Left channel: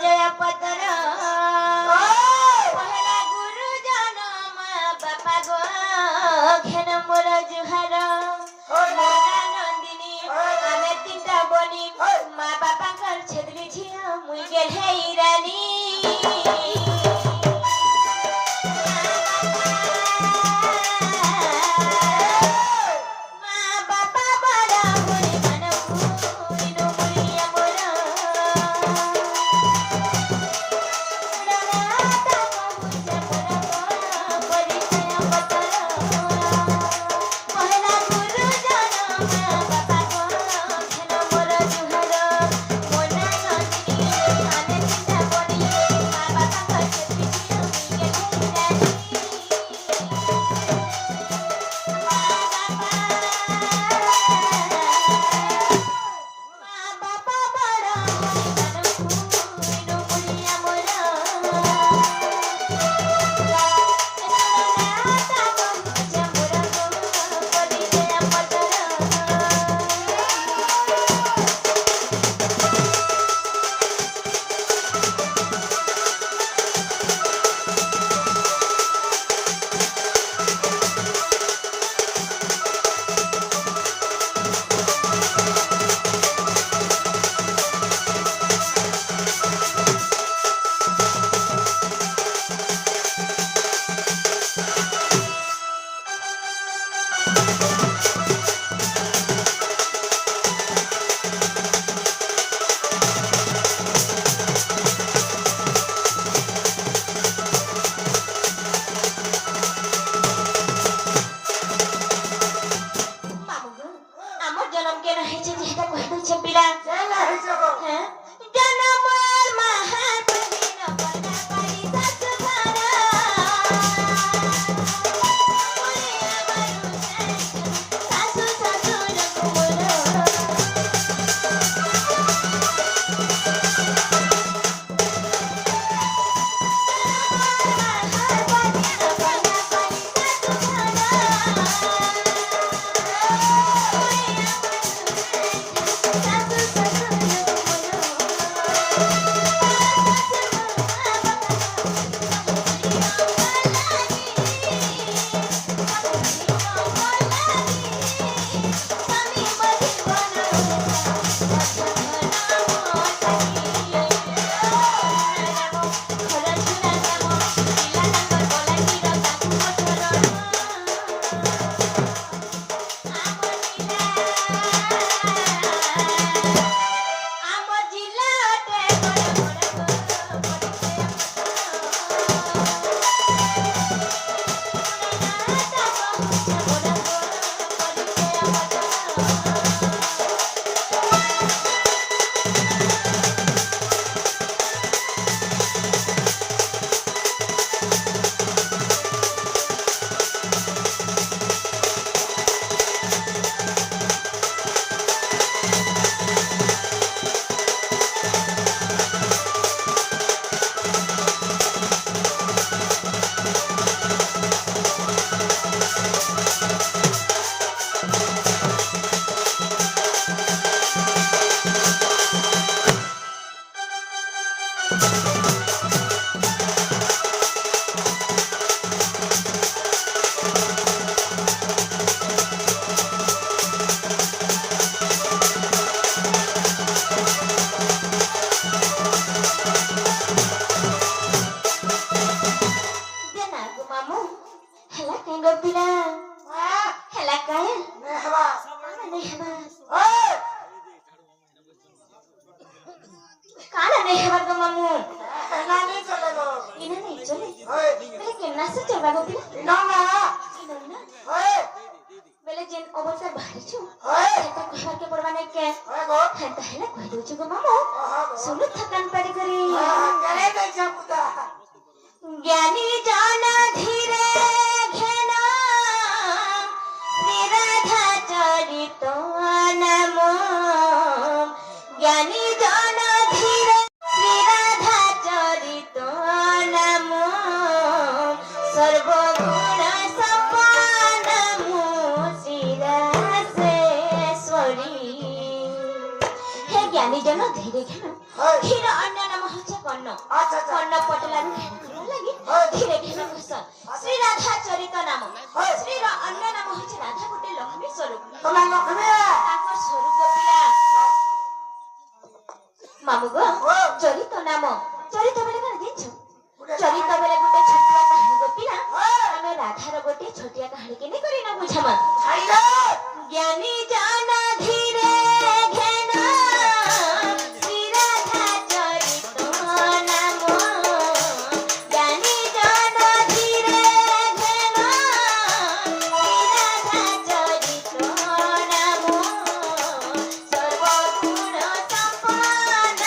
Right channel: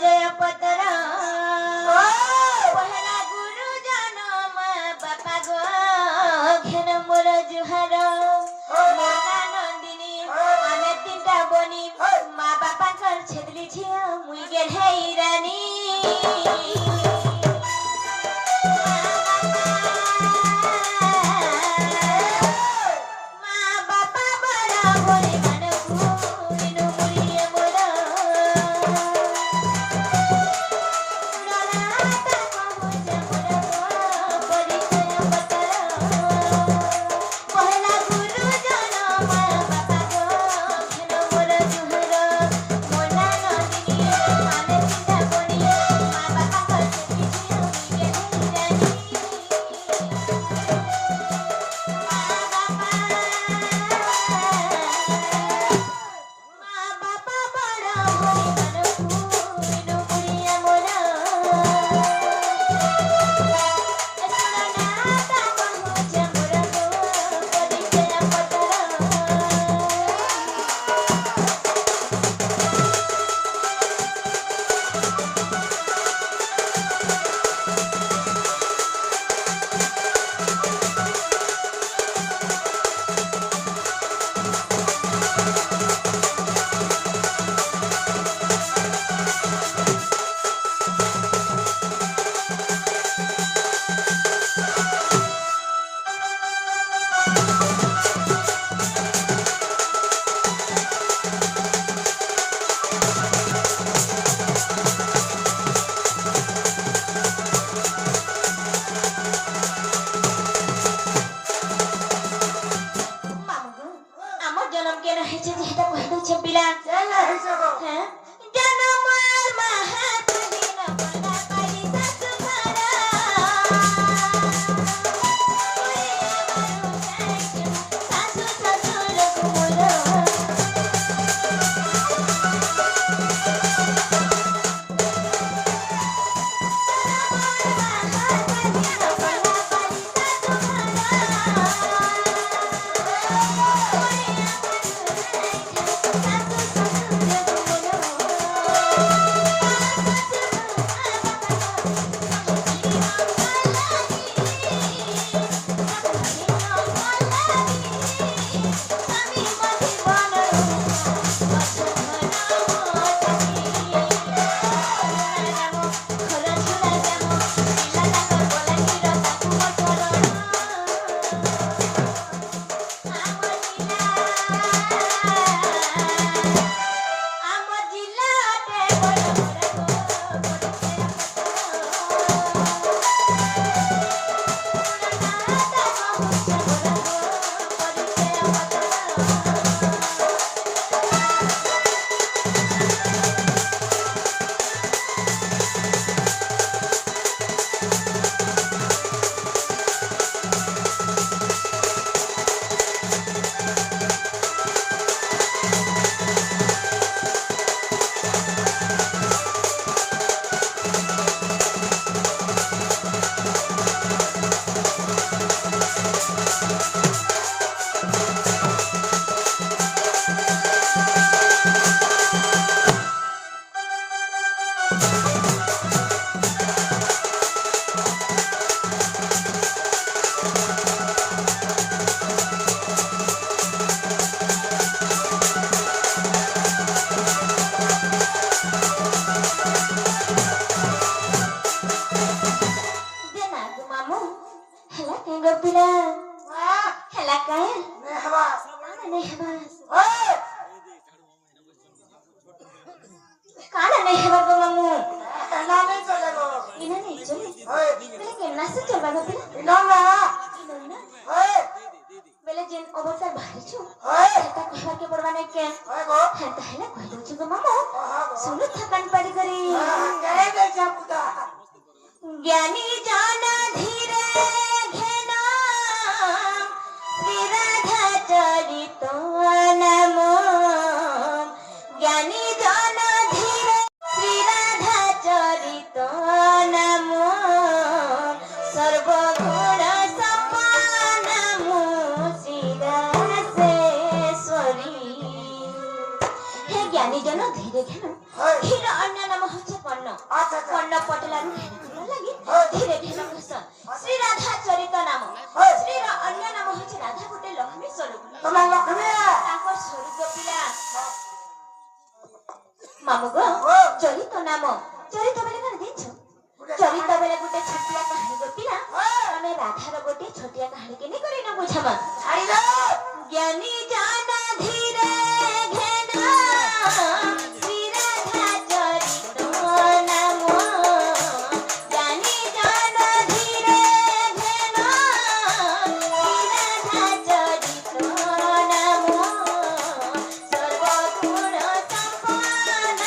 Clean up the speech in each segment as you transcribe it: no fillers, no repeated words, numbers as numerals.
परिचय पत्र पहला गुरु जनम बापा गो घेन मोर जुहार मोना नंदिनी आमे तीनटा बनी माँ बापा कर छेत्री झिया मुई गेढ़ाई रानी ज्ञानी जाना धीरे घेना श्रीराधा चरित नमो ज्ञानी जाना धीरे श्रीराधा चरित नमो सर्वगुण सपन मुशिरासेश्वरी हे ज्ञानी জন ধীরে ঘেন ক্ষীর অন্য নাম হচ্ছে কর্ণ কর্ণ পটলার ঘেন লাগি ধীরে ঘেন ঘোষ শ্রী রাধা চরিত নাম শ্রীর অন্য নাম হচ্ছে রাধা গোটে লক্ষ্মী স্বরূপ তাঙ্কর স্বরূপ পিলা মামু গো চরিত নাম চরিত বেলে কানে দেখছ চরিত বেলে গোটে ছোটিয়া কাহিনী গপিলা ଆମେ ରାଧାର ଗୋଟିଏ ଛୋଟିଆ କାହାଣୀ କେନି କରି ନା ବୁଝାମା ଜ୍ଞାନୀ ଜାନ ଧୀରେ ଘେନ ଶ୍ରୀ ରାଧା ଚରିତ ନାମ ଜ୍ଞାନୀ ଜାନ ଧୀରେ ଘେନ ଶ୍ରୀ ରାଧା ଚରିତ ନାମ ସର୍ବଗୁଣ ସମ୍ପନ୍ନ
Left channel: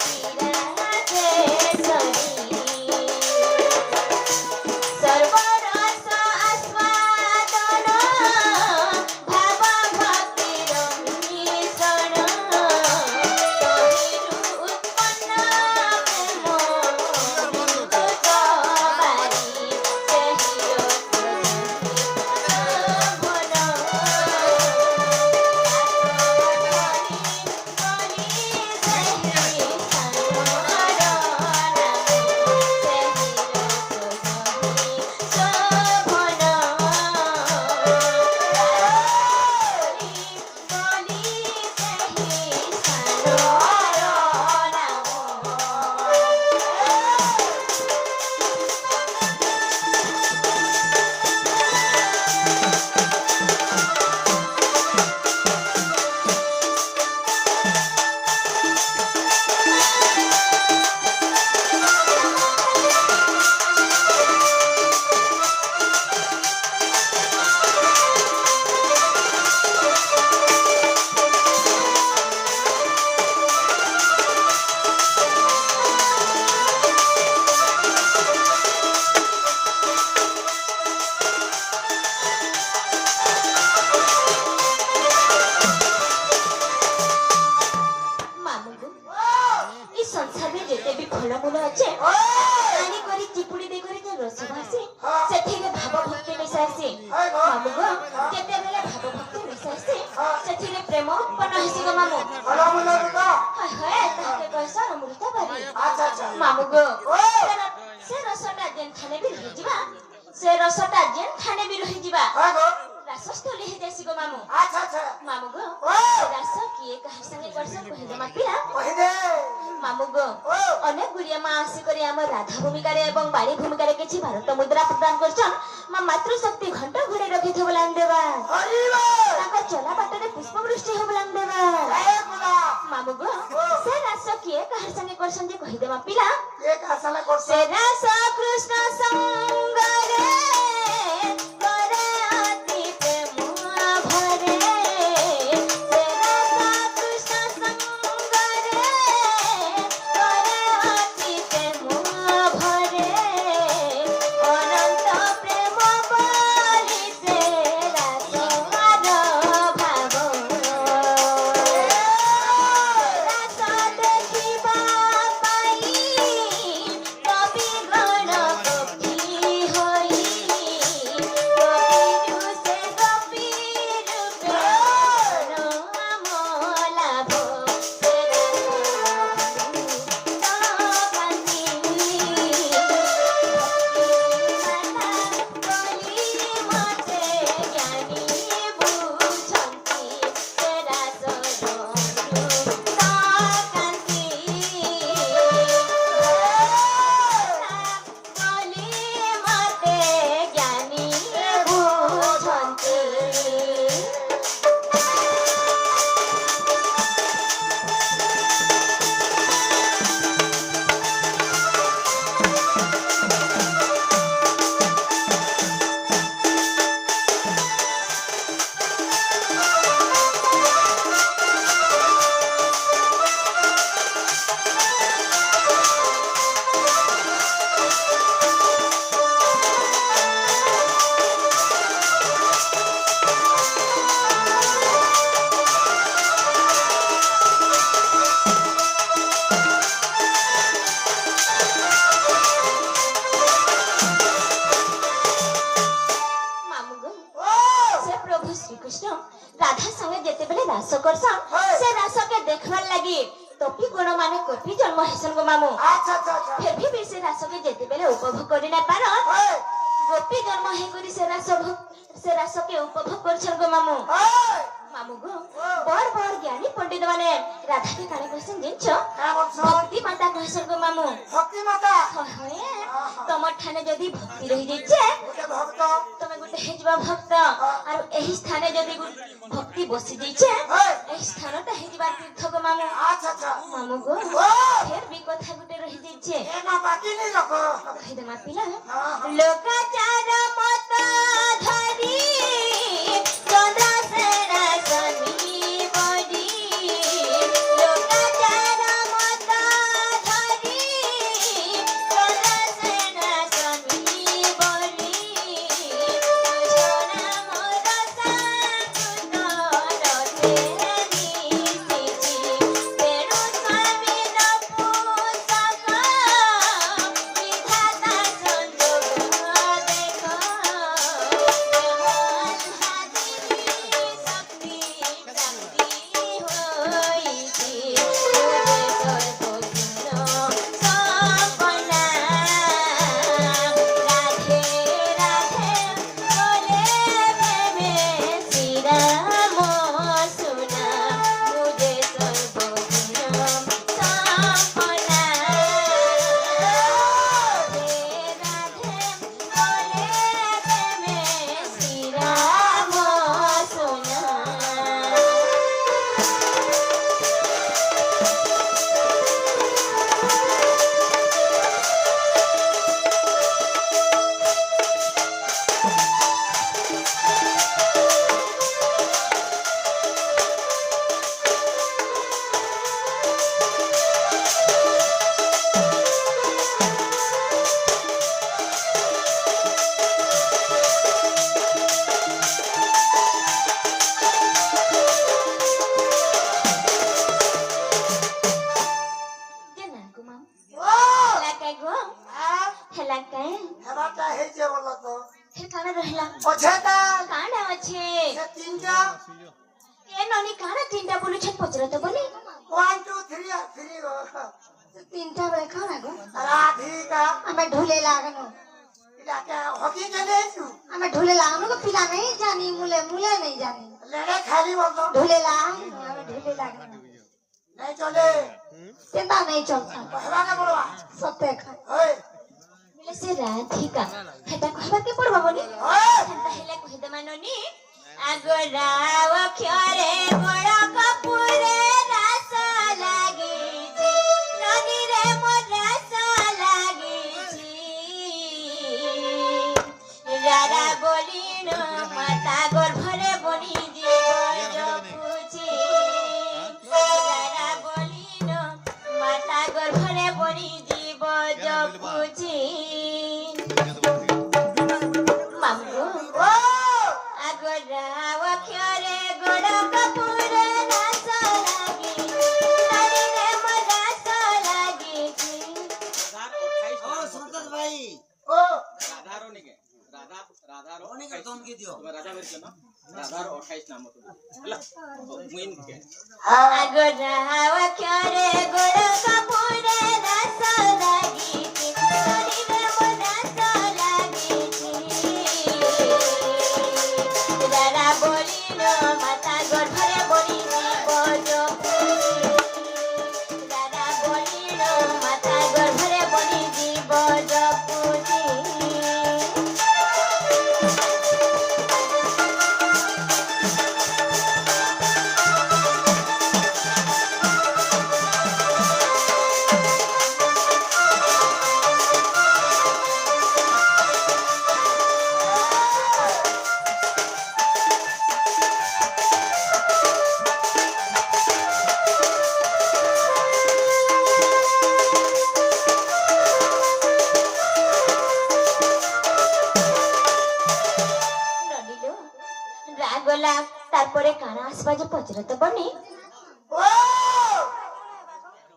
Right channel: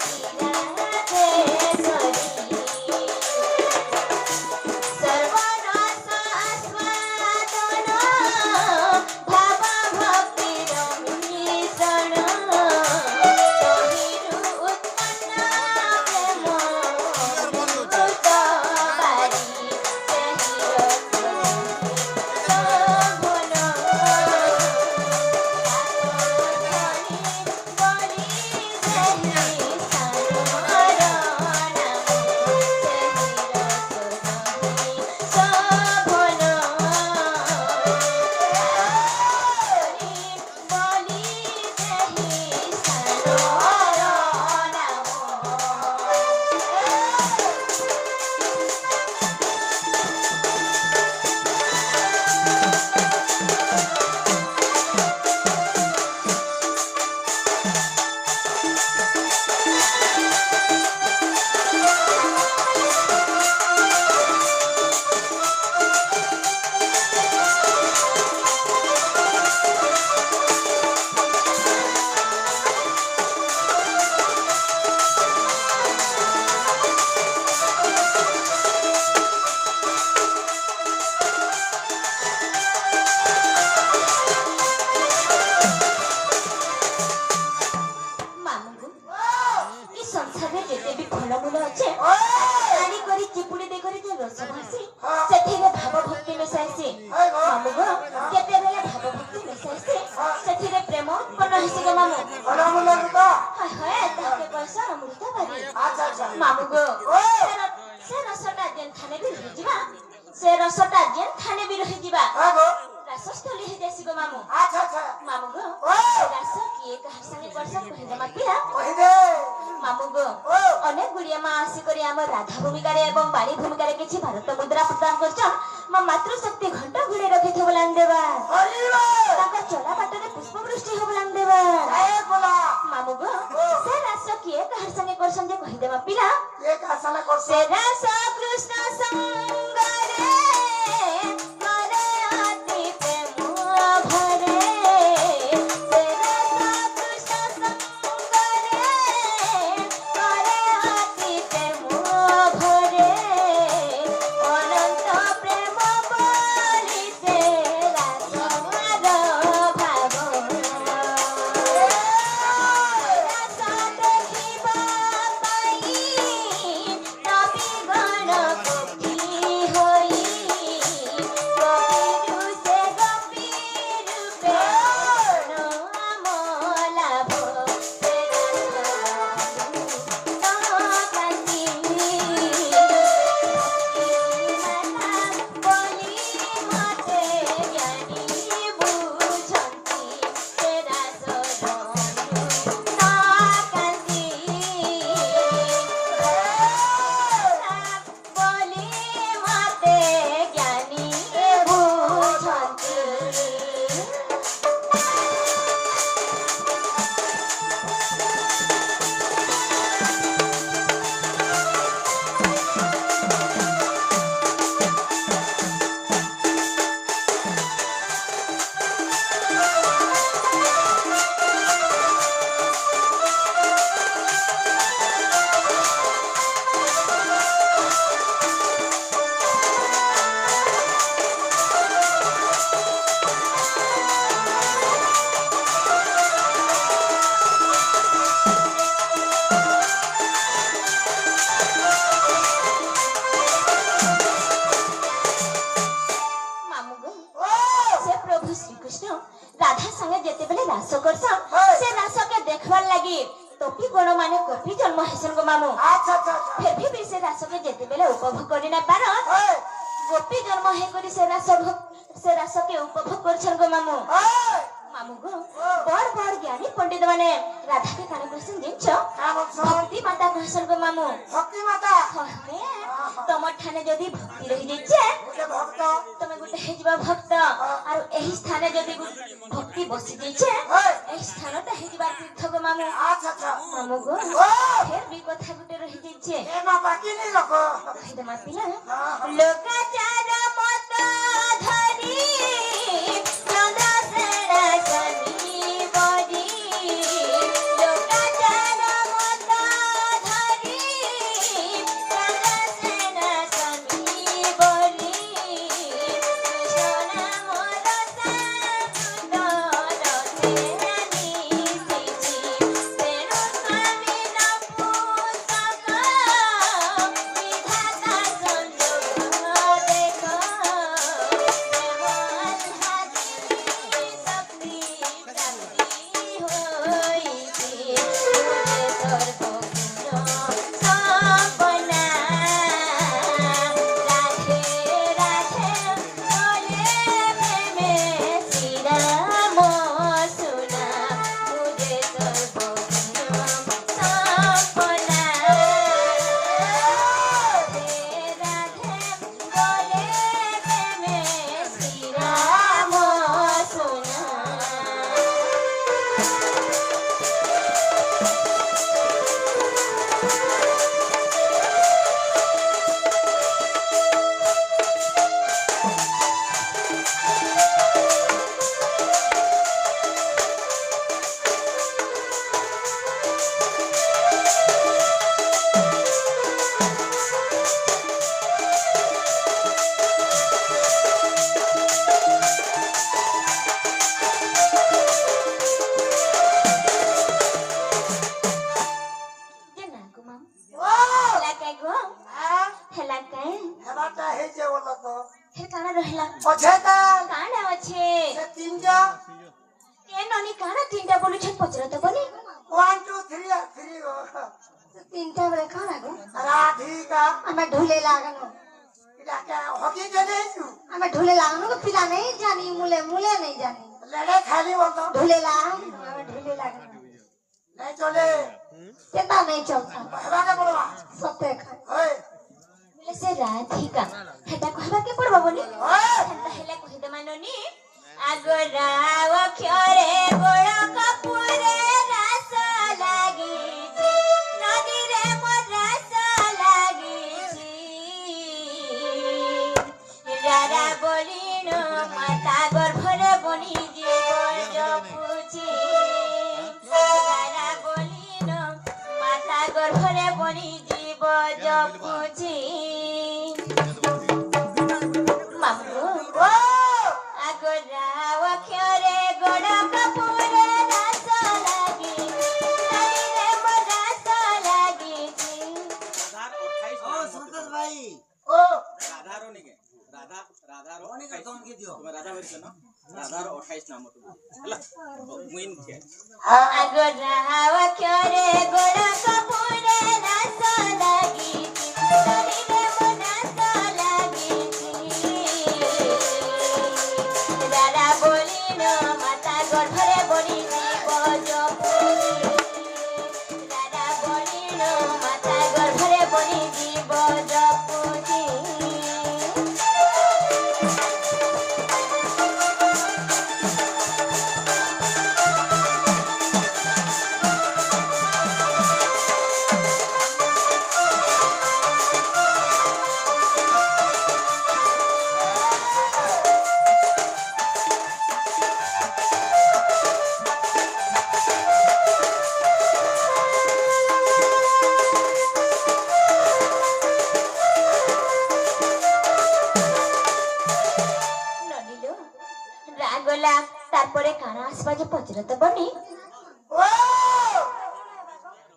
ଶ୍ରୀ ରାଧେଶ୍ୱରୀ सर्वरस आस्वादन भाव भक्तिर मिश्रण तहिरु उत्पन्न प्रेम विद्युत बारी सेहिर शोभन बलि सेहि ମାମୁଙ୍କୁ ଏ ସଂସାରରେ ଯେତେ ବି ଫଳମୂଳ ଅଛି ଆଣି କରି ଚିପୁଡ଼ି ଦେଇ କରି ଯେ ରସ ଭାସି ସେଥିରେ ଭାବ ଭକ୍ତି ମିଶାଇସି ମାମୁଙ୍କ କେତେବେଳେ ଭାବ ଭକ୍ତି ମିଶାଇସି ସେଥିରେ ପ୍ରେମ ଉତ୍ପନ୍ନ ହେସି ଗো ମାମୁ ହାୟ ହାୟ ତାହାକେ କଇସ ଅମୃତ ବାରି ମାମୁଙ୍କ ସେ ରସଟା ଯେନ୍ ଥାନେ ବି ରହିଯିବା ସେ ରସଟା ଯେନ୍ ଥାନେ ବି ରହିଯିବା ରାସସ୍ଥଳୀ ହେଇଯାଇସି ଗো ମାମୁ ମାମୁ ଗো ରାସ କିଏ କାହାର ସାଙ୍ଗେ କରସନ୍ କହିଦେମା ପିଲା ମାମୁ ଗো ଅନେକ ଗୁଡ଼ିଏ ମା ଆସିକରି ଆମ ରାଧା ଭୂମିକାରେ ଏବଂ ବାଣୀ ଭୂମିକାରେ କିଛି ଭାରତ ମୁଦ୍ରା ପ୍ରଦାନ କରିଛନ୍ ମା ମାତୃଶକ୍ତି ଘଣ୍ଟ ଘୋଡ଼େଇ ରଖିଥିବ ଲାଙ୍ଗ ଦେବା ତାଙ୍କ ଚଲା ବାଟରେ ପୁଷ୍ପବୃଷ୍ଟି ହବ ଲାଙ୍ଗ ଦେବା ମାମୁ ଗୋ ସେ ରାସ କିଏ କାହାର ସାଙ୍ଗେ କରସନ୍ ଯେ କହିଦେମା ପିଲା ସେ ରାସ କୃଷ୍ଣ ସଙ୍ଗରେ कि गण माने कपि जन्म हेसन गो मामू अच्छा अच्छा अच्छा फिर भी से रास के जेते बेले उपभोग करि ना पार ओए गोपी जन्म हे करी से रास के उपभोग करछन गो मामू ओए मामू गो बड़ ज्ञानी पंडित माने राधा के काने कहसन जिंचो का बोलछो भक्ति माता कहसन गो मामू भक्ति माता तमर ठाने जदी भक्ति रहि जैछे गोटे भक्त तमे गोटे हेजबा भक्त और एही स्थाने जदी भक्ति बसी जैछे ओए एही स्थानटा हेजबा तीर्थ गो मामू अच्छा अच्छा मामू गो ओ फिर भी कथा गोटे रहि जैछे ए मा बाकी नहीं रखो कहि दे मातिला हां लोकाचार मत धरी चंद्रसेन सनी बड़ी लोकाचार मत धरी चंद्रसेन सनी बड़ी सोना मोर साकुत रथेनी सिची तेणु स्वामी न पुस्तक विधाता संजोग देखो देवन हाजिनी शक्ति प्राप्ति होइछि तुझे सर्वगुण संपन्ना राधे राधे बोले प्रेमे श्री राम सुना मुझे सर्वगुण संपन्ना राधे राधे बोले प्रेमे श्री राम सुना केना गो माम ओ हेला काय गो हां हेला काय हेबाटा हे जे बोला तो फिर काना रहला ओछेता काना अच्छे से तीनटा ए ननी काना तीनटा बोलु छे पचरा तो बोली 1 2 3 3 गो तीनटा बेले काना गो राधिका हमें ढूले लागनो इला के हकी चले छु हमें ढूले लागनो को पिला नहीं जानी मुले मुले नहीं जानी लड़े खाली बोल दो ढूले लागनो नहीं चले केना नहीं चलता हेबा के बोलवा सत्य खा ओए बोले से राधिका हेता कहबा के पड़बा बोली ओए हेता हेला कहि दे माननी आगोराव ख्यारे गोड़ा कपूरे रास लागी नदी रे मोर रास लागी रारा बोलिनो माता गर्भरे बनी जीव जपुची रारा बोलिनो माता गर्भरे बनी जीव जपुची मामू ओ आगोराव ख्यारे गोड़ा कपूरे रास लागी नदी रे मोर रास लागी ओ संतोष भाई ओ राधा रो निके राधा रो निके तुम के दियो राधा मेरी के ना राधा रो 28 नाम तो हला मुइन के हां आगोराव ख्यारे गोड़ा कपूरे रास लागी नदी रे मोर रास लागी दादा बोलिनो माता गर्भरे बनी जीव जपुची दादा बोलिनो माता गर्भरे बनी जीव जपुची ননিলো রাগলা তারপরে কানা আসবা যে পচরা তো বনি ओ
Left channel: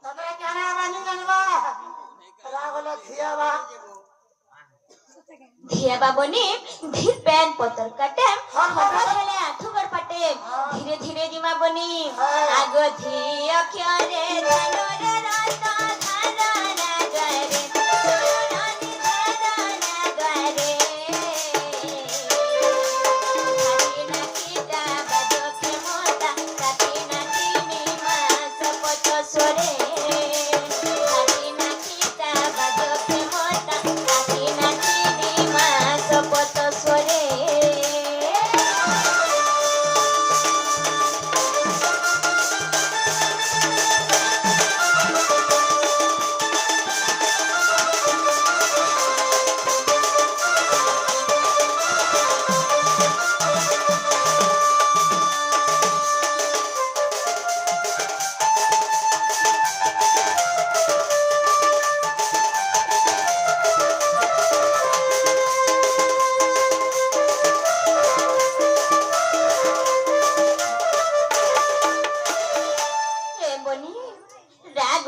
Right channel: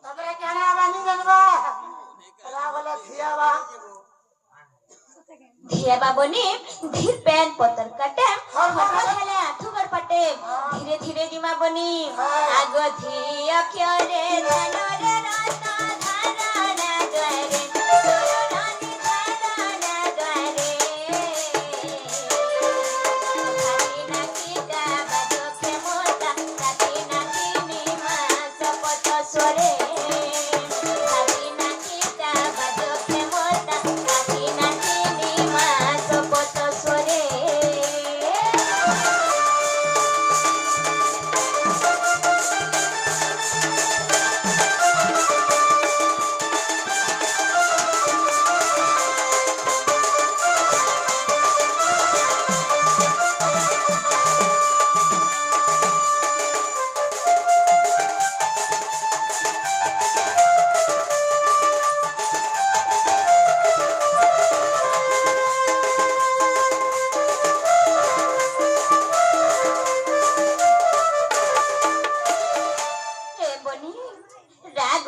तबरे कहना बानी जनवा रावला थियावा धिया बाबनी धीर पैन पतर काटे हर हर हेले आठु गड़ पटे धीरे धीरे जिमा बनी आगो धिया क्यों रे जानो रे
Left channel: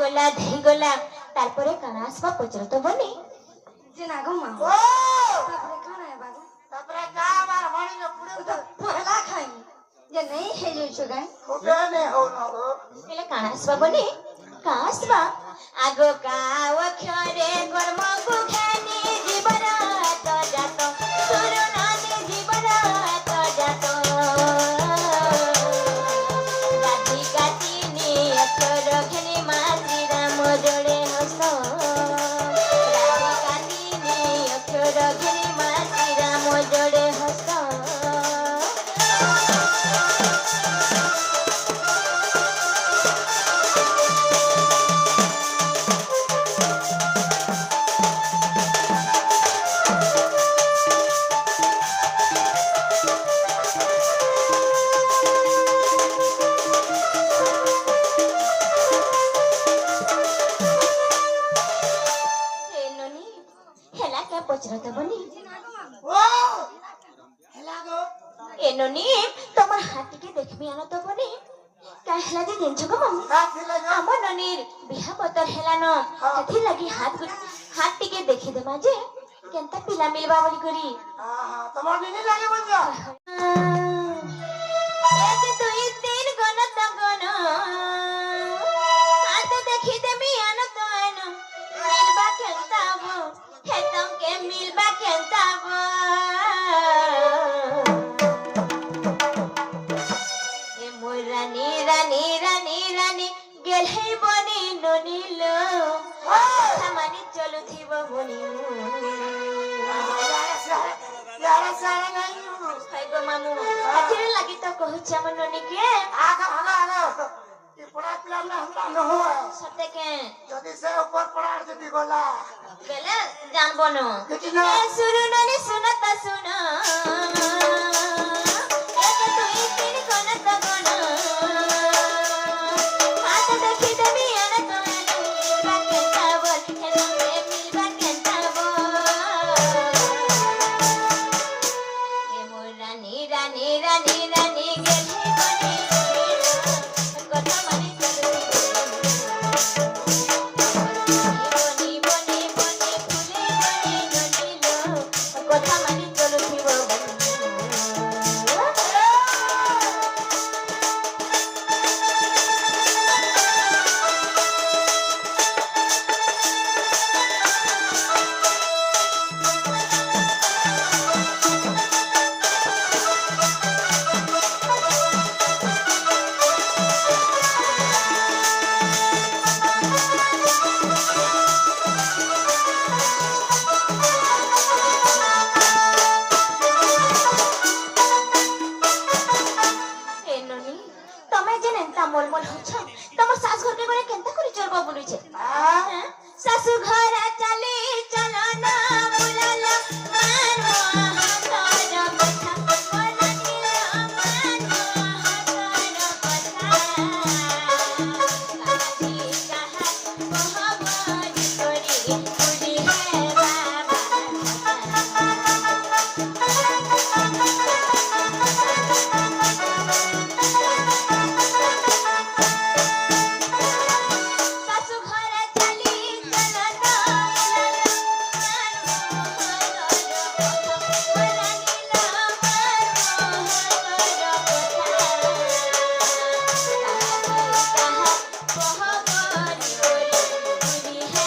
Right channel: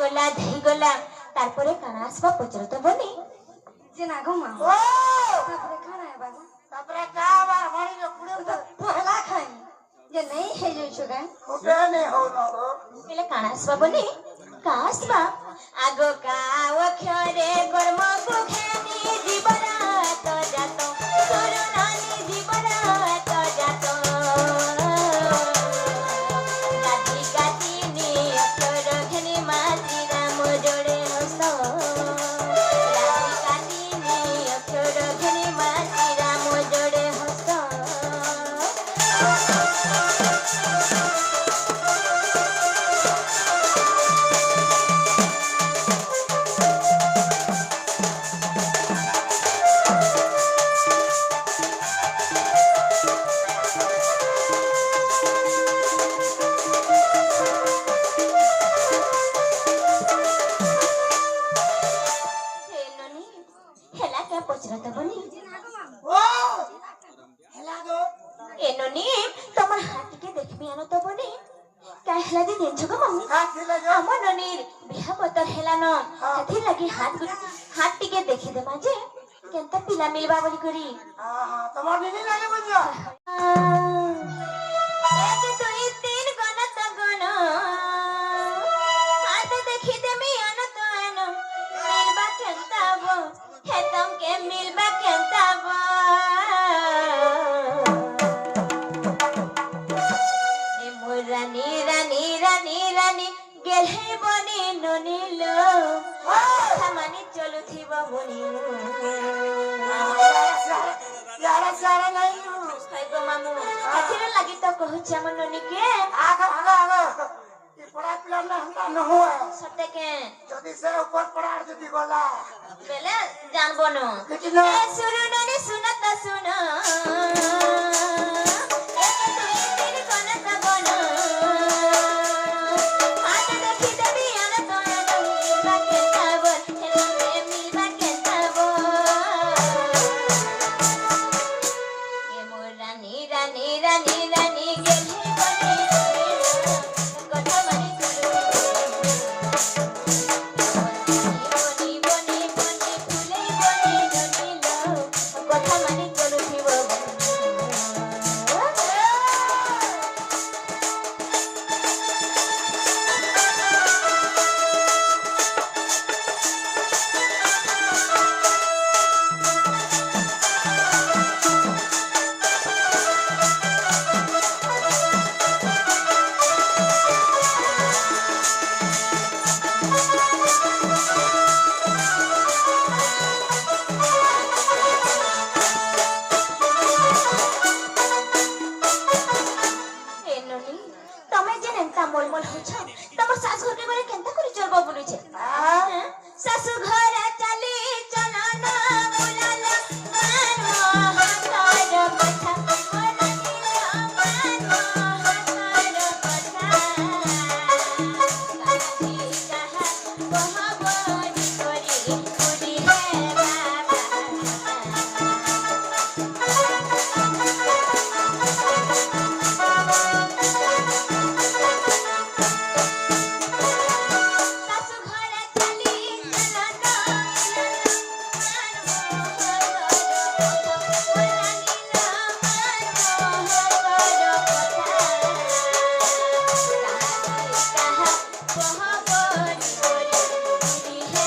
ধেইগলা তারপরে কানা আসবা পচরত বনি যে না গো মা ও তারপরে খানা হেবা গো তারপরে গা আমার হরিকে পুড়ে তো পহলা খাইনি যে নেই হে যাইছো গায় ফুটে নে হো ন গো পেলে কানা আসবা বনি কা আসবা আগো কাও ক্ষরে কর্ম কুখেনি জীবন তো যাত সুরনানি জীবন তো যাত গাতি গাতি নি অক্ষর ঘেনি মাতি রাম জোড়ে হস গাতি গাতি নি অক্ষর ঘেনি মাতি রাম জোড়ে হস ননি হেলা কে পচরত বনি ও হেলা গো এ ননি তোমার হাতিকে দেখবি আনো তো বনি কা হেলা দি দিনছ গো মামু কাটিলে গো আমার ননির বিহা পতর হেলা ন হেথি লাগি হাত টিকে দেখি দে মাঝে কেনতা পিলা মিলবা বলি করি আহা তোমার নিনি লাগে বুঝছো এক দুই তিন গণত গণ হাত দেখি দেমি আনো তো আনো মিলবা কেনতা বো হেতম কে মিলবা কেনতা বো এ মোর রানী রানী রানী রানী গেলহে বনি ননিলো সামানি চলুথিব বনি ইয়ারা সারা নাই হাই গো মামু হাতিরে লাগি তো কহুছি আমার ননিকে আগো আগো আগো কি পড়া পিলা না হতা ন হয় সতে কে যদি সে উপর পড়ার যদি গলা বেলে জানবো না কিছু না শুরু ননি শুনতা শুন এক দুই তিন গণত গণ হাত দেখি দেবি আনো তো আনো মিলবা কেনতা বল হেতমে মিলবা কেনতা বল এ মোর রানী রানী রানী রানী গেলহে বনি কথা মানি চলো বনি বনি বনি ফুলে বনি ননিলো কথা মানি চলুথিব এ ননি তমে যে নেতা মলমল হছ তোমার শাশ ঘরকে গনে কেনতা করে চলব বলুছে শাশু ঘর চালি চল না বুলাল মান হাতর কথা মনানিল মান হাতর কথা কাহি কাহা বহবরি করি পুরি হে বাবা শাশু ঘরে চালি চল না বুলাল মান হাতর কথা কাহি কাহা বহবরি করি পুরি হে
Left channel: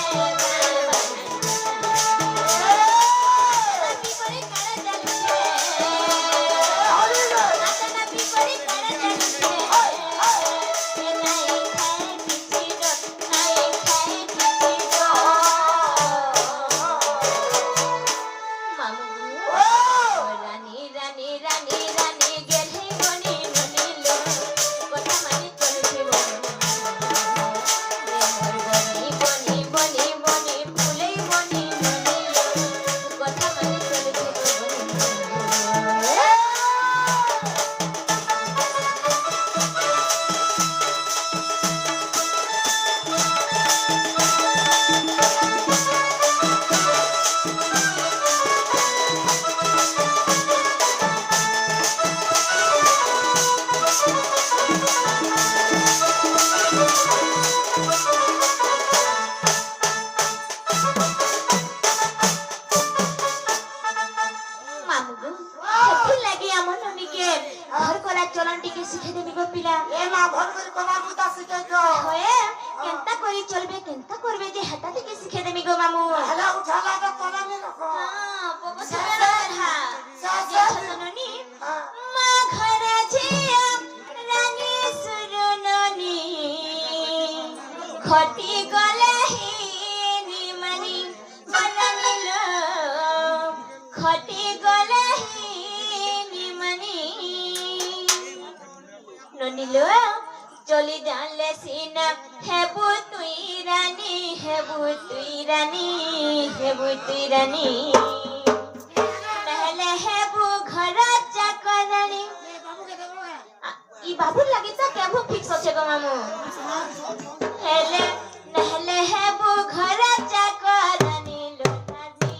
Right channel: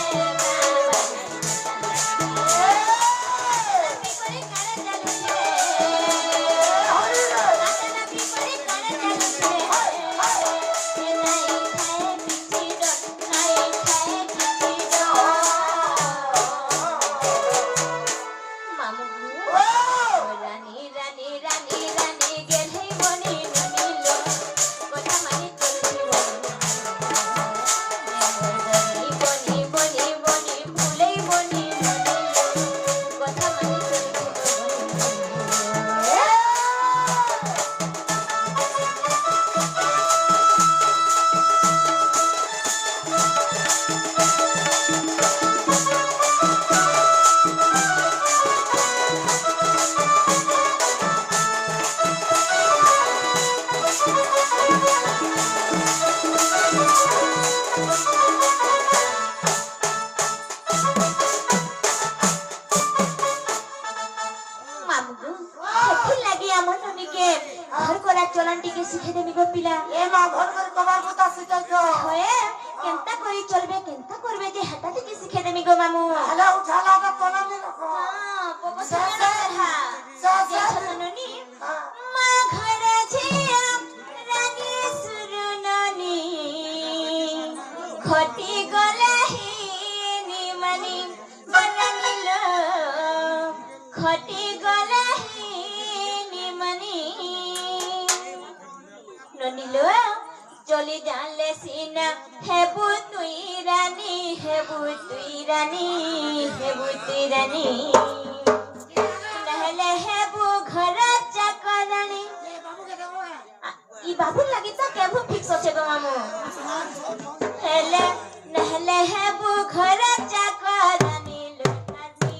চলি জানলে সিনা হেবু তুই রানী হেবু তুই রানী হেবু তুই রানী নহলে হেবু ঘর চাকরানী ই বাবুর লাগি তো কেবু ফিক্স আছে গো মামু হেলে নহলে হেবু ঘর চাকরানী লোটানি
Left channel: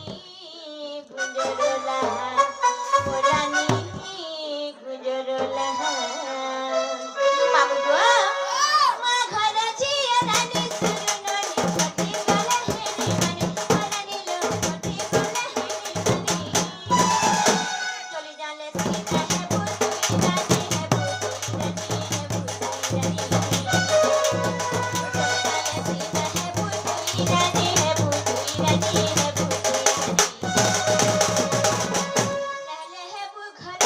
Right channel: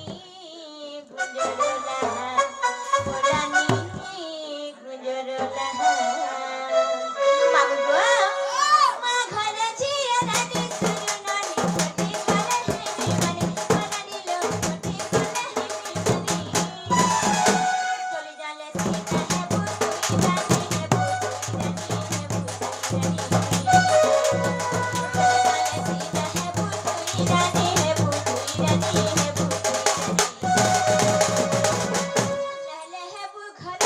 গুজরলা ওরানি গুজরলা মামু গো মা ঘর ঝিয়া রানী সুরননি ফটি বলে হেনি মানে ওরানি লোটি বলে হেনি চলি জালে সিনা হেবু তুই রানী হেবু তুই রানী হেবু তুই রানী হেবু তুই রানী হেবু তুই নহলে হেবু ঘর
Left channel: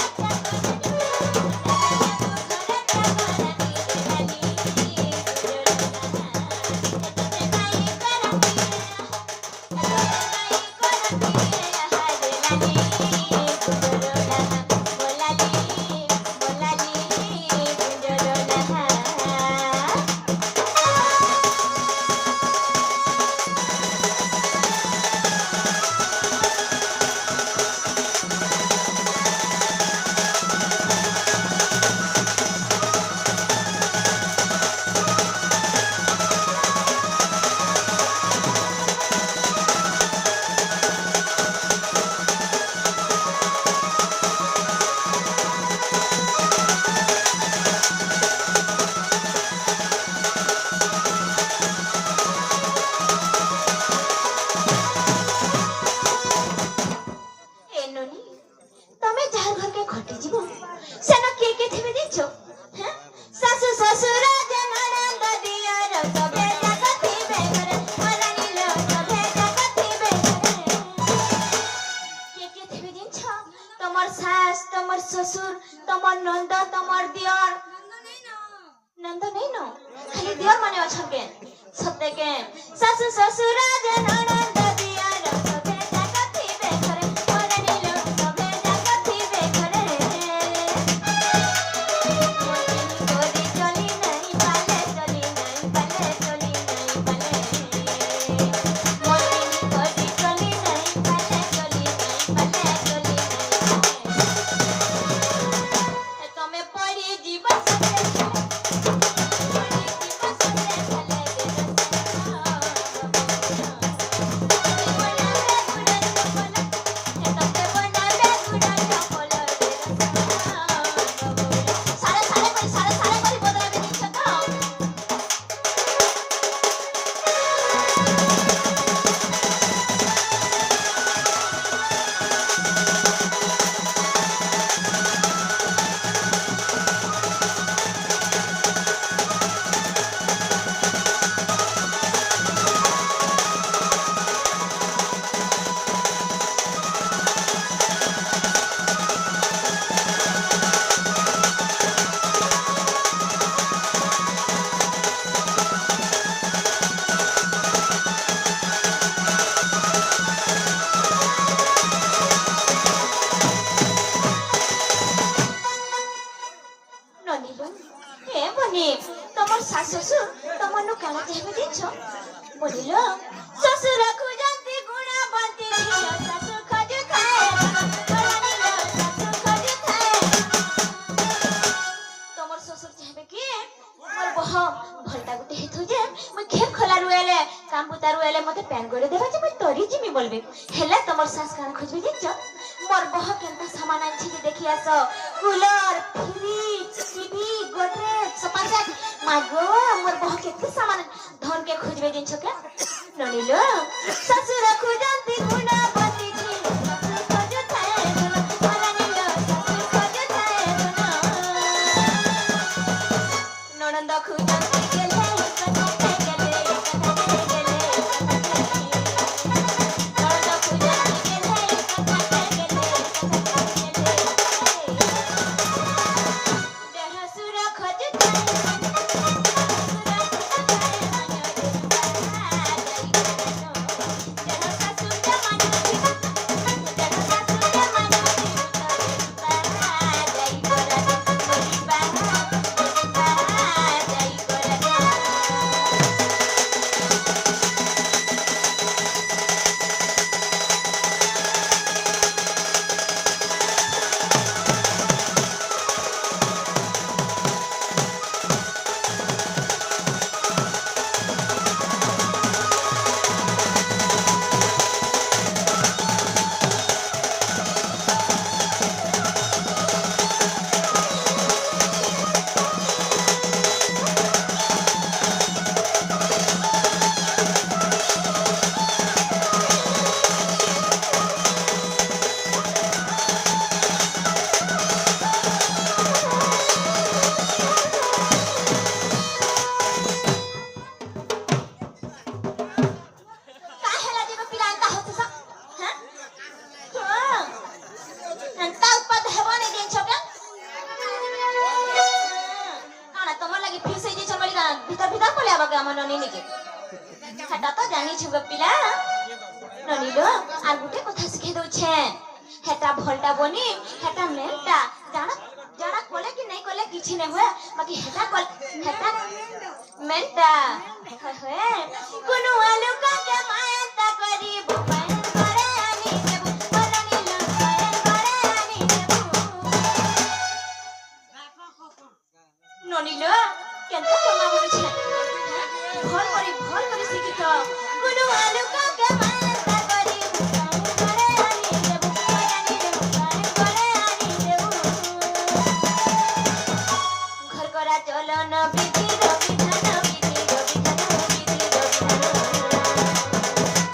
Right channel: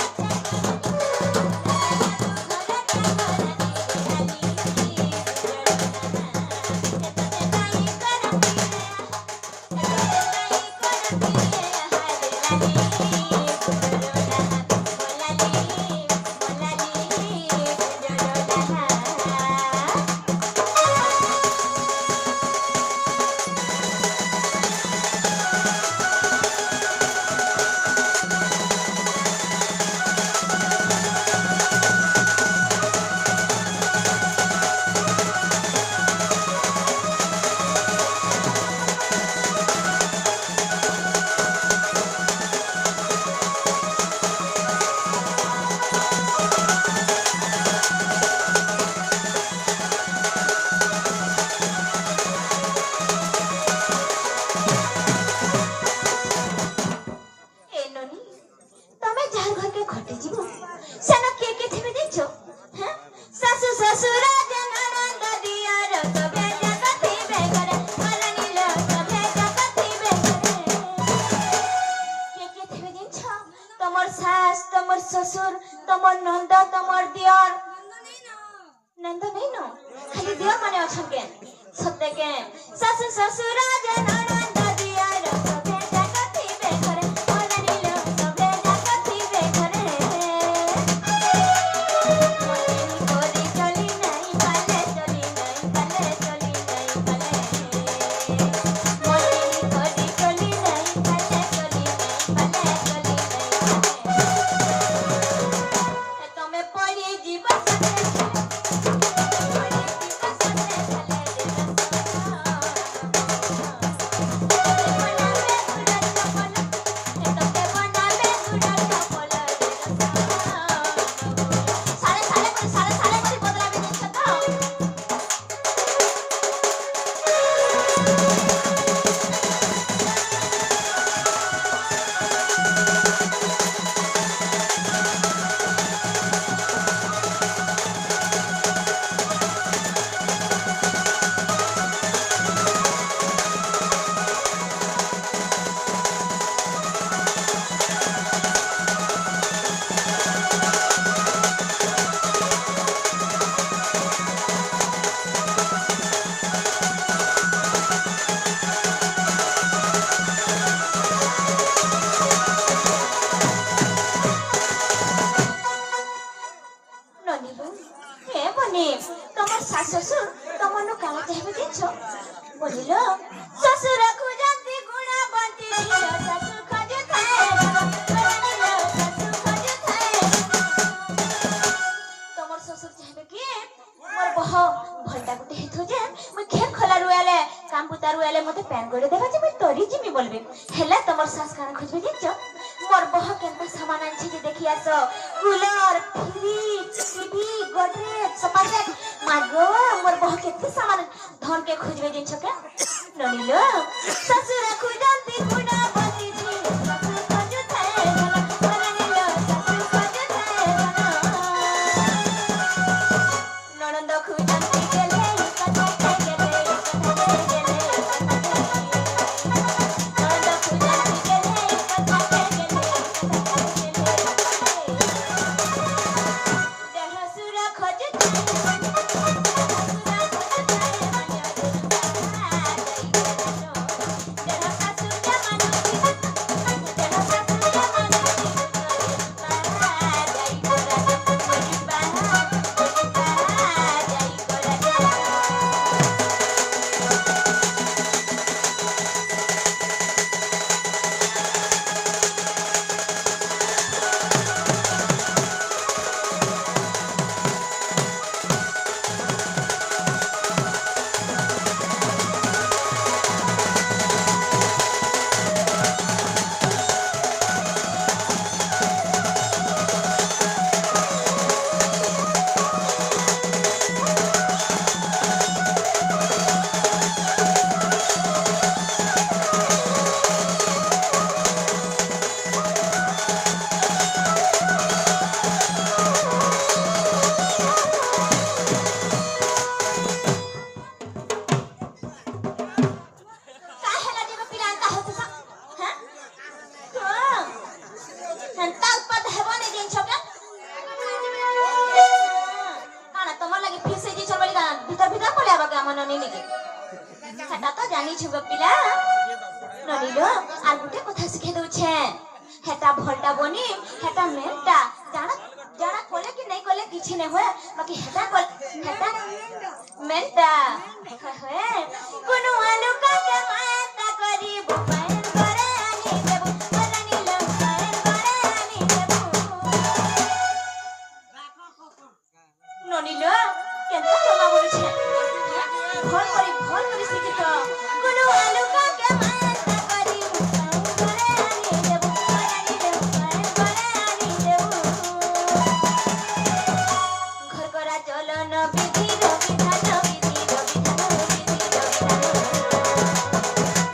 ए ननी तमे जार घर के खटी जीवो सेना के थिबे दिछो हैं सासु ससुर जननंद दियर सबे जगति बेगर वरानी लो सबे जगति बेगर के थिबे दिछो तमर सास तमर ससुर तमर नंद तमर दियर नंद नहीं नो खाली दियर माने अछन के सत्य के सासु ससुर जननंद दियर सबे जगति बेगर वरानी लो सबे जगति बेगर मोनी कोरी चली नहीं पाले चली नहीं पाले चली नहीं पाले मोनी कोरी चली नहीं पाले चली नहीं पाले चली नहीं पाले तमे पड़ी जीवन सते पड़ी जीवन सते चले ननीलो हे बनी तमर सास ससुर तमर नु काला कहबे दिछो बोलिलो ससुर खुजंती गुणा बंती झिया सासु खज थाए वरानीलो सासु खज थाए तमर ससुर कहबे कि मोर बह भलटा गुटे हेथो जे मैं खेत खोला रुएले काम पुता रुएले मते पैन गोड़े देबा जे मैं तोरी जिमी बोलबे हेला तमर सास काना खोजबे दिछो मोर बह केनता सामान आनछि जे देखि आसो cooler fridge TV Godrej sofa set मागो मोर बह केते सामान धन के खोजबे दिन छके ननीलो ससुर खुजंती गुणा बंती छी ससुर खोज थाए वरानीलो ससुर खोज थाए ननंद खुजंती गेले कथा गेले कथा गेले ननंद खुजंती गेले कथा गेले देह सुर खोज थाए ননি নিকে হেটা তো জানিছ গো পিলা ননি লো আর গুটে কথা শিখে দউছে হেটা ভলটা বনি হেটা মেনটা জানা জানা কলে কি নাই কলে কিছু নাই হয় বাকি হেটা কল হেটা মেনটা হয় কোনো আলু কাকে মায়াটা করিব পায়ন করে আনি দেব বলনি লো পায়ন করে আনি দেব ননিলো কেন তোমা বলছে ভল করে শিখিত কোনো আলু কাকে মায়াটা করিব পায়ন করে আনি দেব বলনি লো পায়ন করে আনি দেব ঘর করা চলন বিধির বিধান বিধির বিধান বিধির বিধান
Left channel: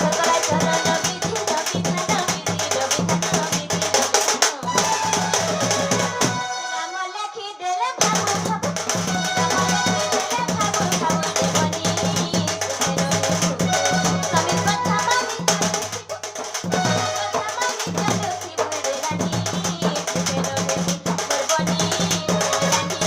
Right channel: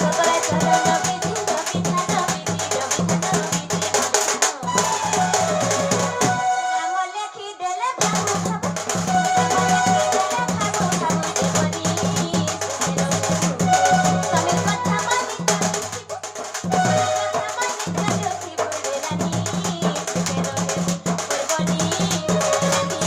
ঘর করা চলন বিধির বিধান বিধির বিধান বিধির বিধান নাম লেখি দেলে ভাবু ভাবু নাম লেখি দেলে ভাবু ভাবু জীবনী সুখের স্বামীর কথা মানি চালুথিব রে রানী সুখের বরবনী রানী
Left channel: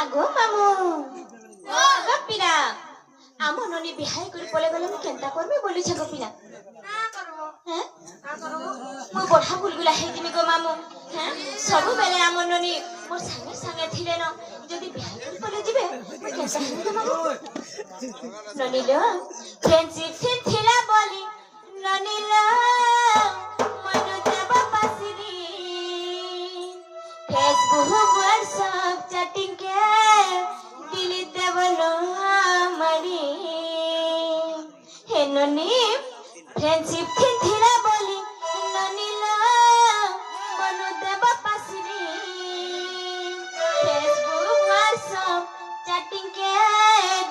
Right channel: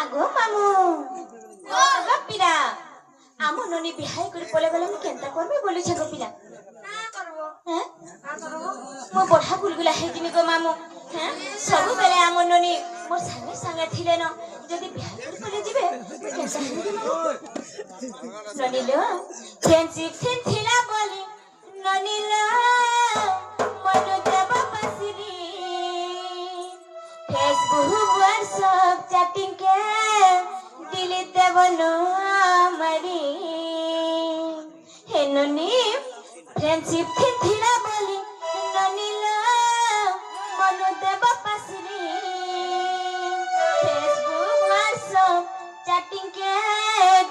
আগো মামু আগো পিলা আমো ননি বিহাই করে পলে গলে মু কেনতা করবি বলিছ গো পিলা হ্যাঁ মু বড়া গুলগুলা হেজিমি গো মামু হ্যাঁ সবু বেলে আমো ননি মোর সাঙ্গে সাঙ্গে থিলে ন যদি বিহাই করে পলে জিবে মু কেনতা হেবি গো মামু ননি লো ফ্রেন্ডশিপ ফিন থিলা বলি ননি লো মনু দেব পাসিরি फेसबुक व्हाट्सएप चैटिंग के डिलीट देवनो मरी हे ननी फ्रेंडशिप थी थीरा बोली ननी ला मनु देव पासरी फेसबुक व्हाट्सएप चैटिंग के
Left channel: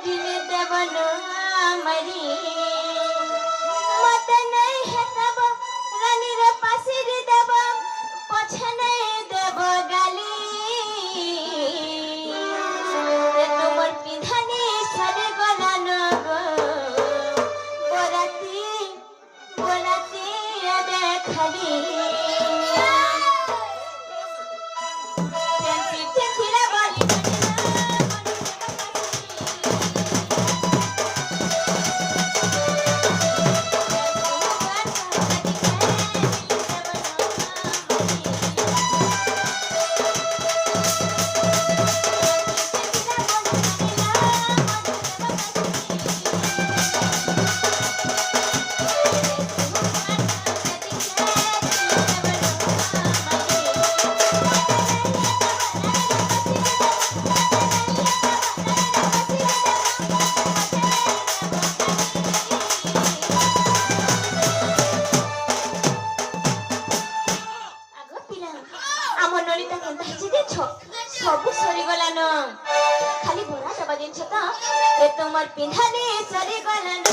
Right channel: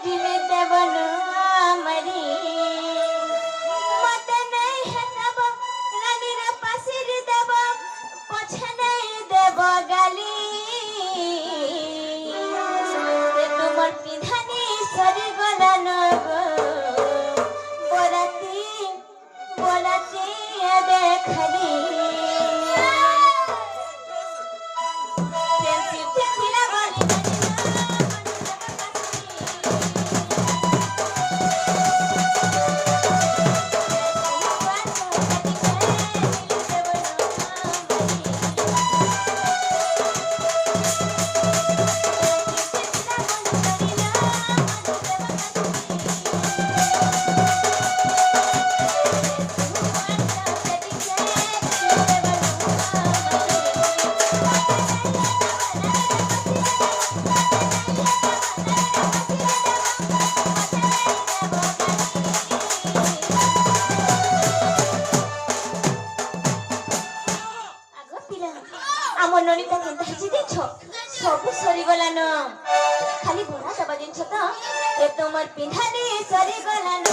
डिलीट देवनो मरी मत नहीं है तब रानी रे पासरी देव पछे नहीं देव गाली তোমার পিধানি সারে গলান গো বরাতি বলাতি দেখালি ফ্রেন্ডশিপ থিরা বলি আমার ননিতা কেনতা হেজি দেছ সবু সরি গলান খালি ভরা দেবা জিনিস তো এ তোমার পিন্ধানি সরি গলান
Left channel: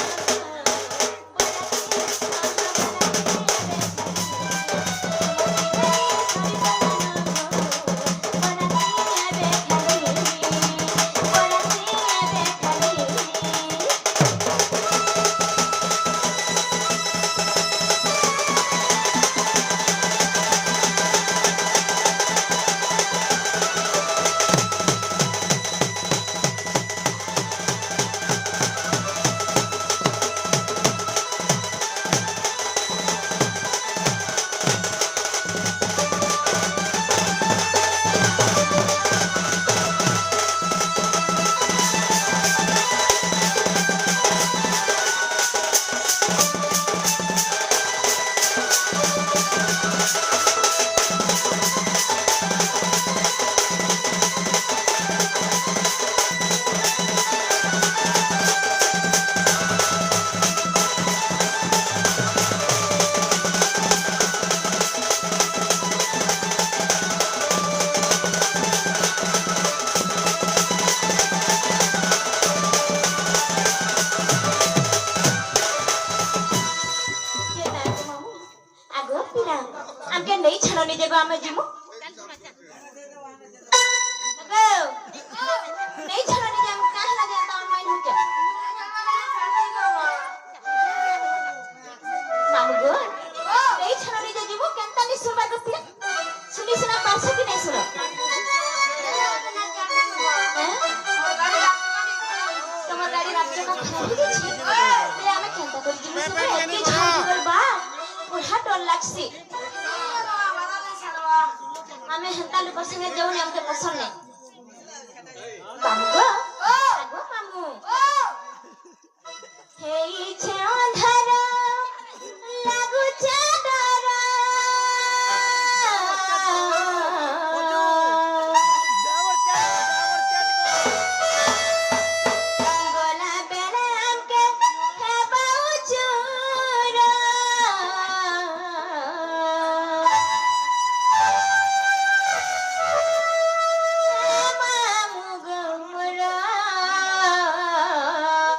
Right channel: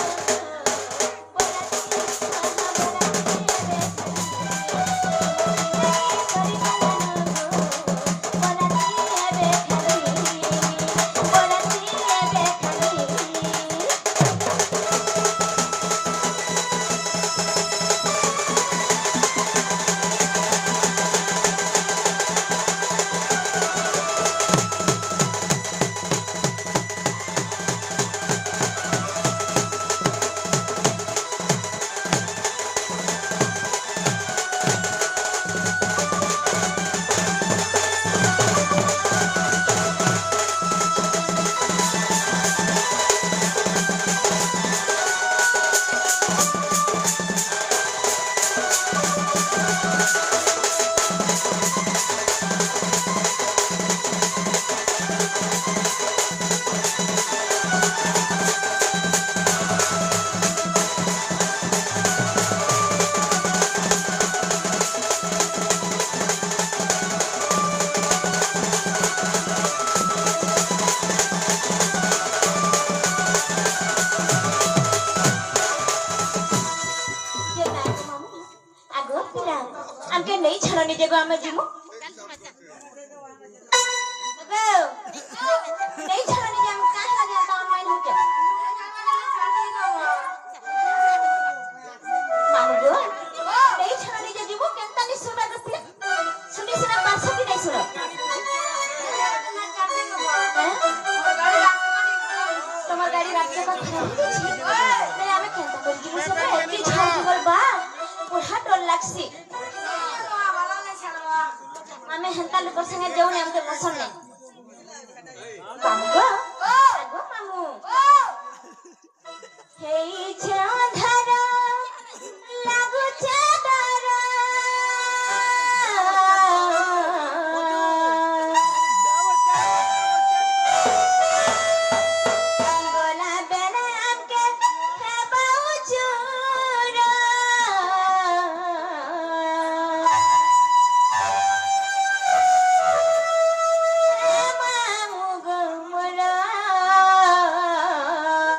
যেবে আমি জিমু গো নেই ছাড়া নিজে আমি কাহে লাগে তা অনলাইন হচ্ছে মামু গো নেই ছাড়া নিজে জিমু কেনতা নি শুনবা গপিয়া শুনি শুনা পাছ কি নাই শুনো তোমার গাড়ি রাস্তা কা খারাপ হয়ে গেছে তাই আমি কেনতা করে জিমু সবে কি ঝাড় দিবল বা পুরা ডর লাগছে আমি হেন্তা লোকের সঙ্গে যাওনি আমাকে পছন্দ নেই মামু গো আগো মামু হেইছে